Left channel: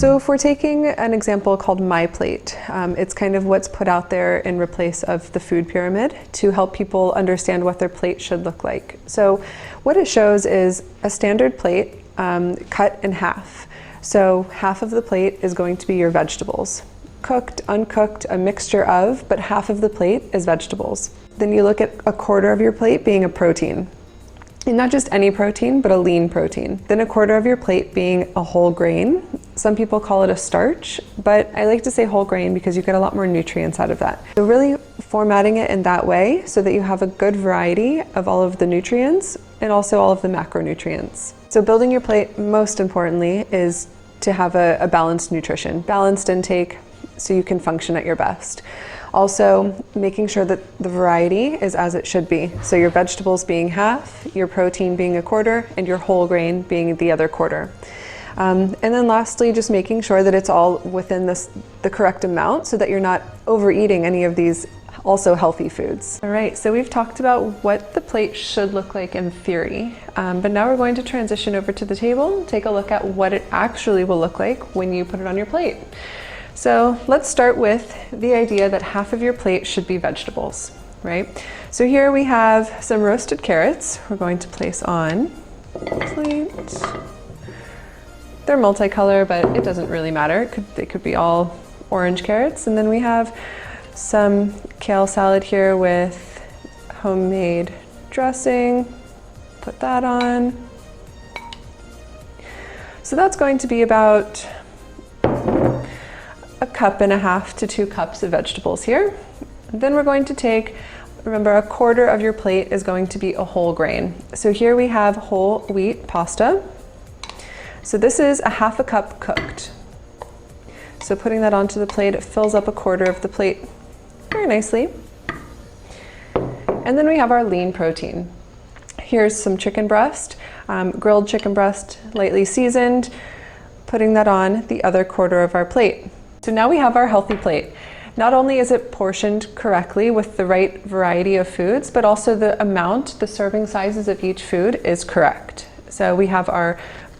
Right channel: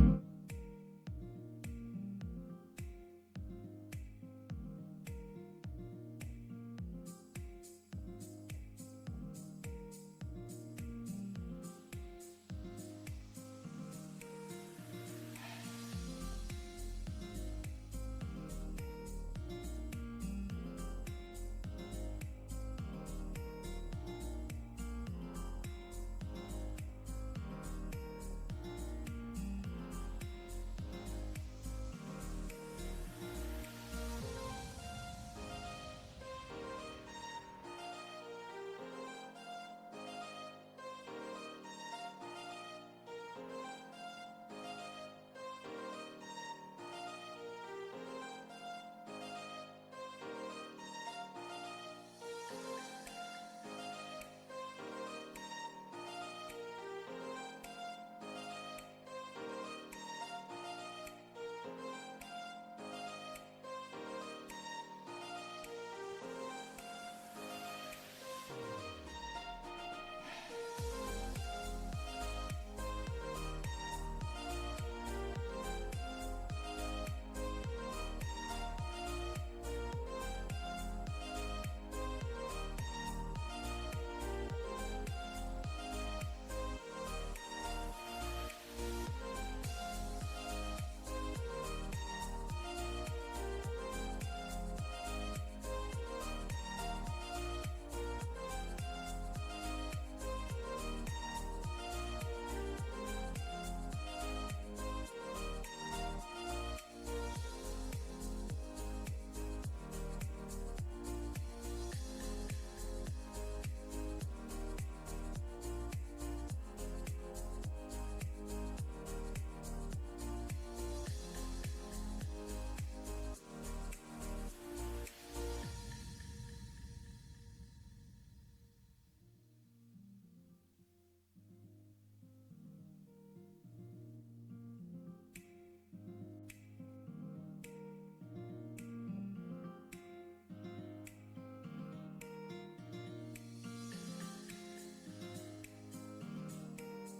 So if we're taking an example called My Plate, it's kind of what's put out there in replace of the food pyramid to help people understand what their plate should look like. So what it shows is a standard plate cut in half. So half of the plate is going to be your vegetables. Cooked, uncooked, a mixture of, but half of the plate is vegetables. Then you look at a quarter of your plate being a protein. And not just any protein, but a lean protein. Then a quarter of your plate being a whole grain. Some people call it a starch, but I like to say whole grain because you get a lot more nutrients out of that. So really formatting it in that way so that you have a good variety of all of the nutrients and also all of the macronutrients. So building your plate, most importantly, is to have a balanced nutrition, balanced intake so you can function at your best. Also, making sure that the variety is as it should be. So your vegetables being half, your protein being a quarter, and your whole grain being the other quarter. And then lastly, just making sure that it's all within the correct amount so that you're not overeating any of these also healthy foods. All right, so we've talked about what the plate should look like in theory, but now we're going to transition over to the table and take a look at what it actually will look like when you put it on your plate. So let's start with the idea that half of your plate should be vegetables, right? So here we have some roasted carrots we're going to place on the plate. They're multicolor, but it doesn't really matter. They could be all orange carrots. And then we have some kale salad here with homemade dressing. Put that on. So that's going to be about 1.5 cups to 2 cups of vegetables here. Then we're going to take, remember, a quarter of your plate is going to be a whole grain. So here we have whole wheat pasta. So this is 1/2 cup cooked. So putting that onto the plate, it fills up a quarter of the plate very nicely. And then we have our lean protein. Here's some chicken breast, grilled chicken breast, lightly seasoned, putting that on the other quarter of our plate. So now we have our healthy plate. Not only is it portioned correctly with the right variety of foods, but also the amount, the serving sizes of each food is correct. So we have our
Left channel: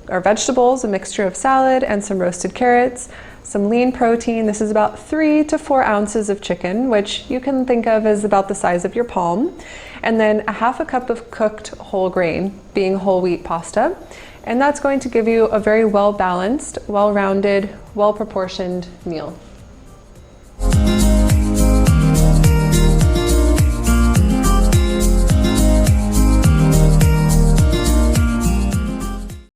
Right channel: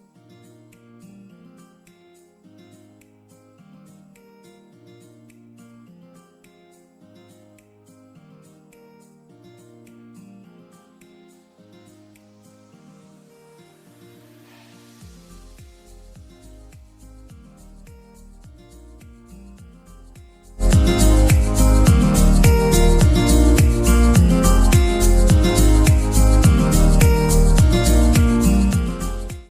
vegetables, a mixture of salad and some roasted carrots, some lean protein. This is about 3 to 4 ounces of chicken, which you can think of as about the size of your palm. And then 1/2 cup of cooked whole grain, being whole wheat pasta. And that's going to give you a very well-balanced, well-rounded, well-proportioned meal.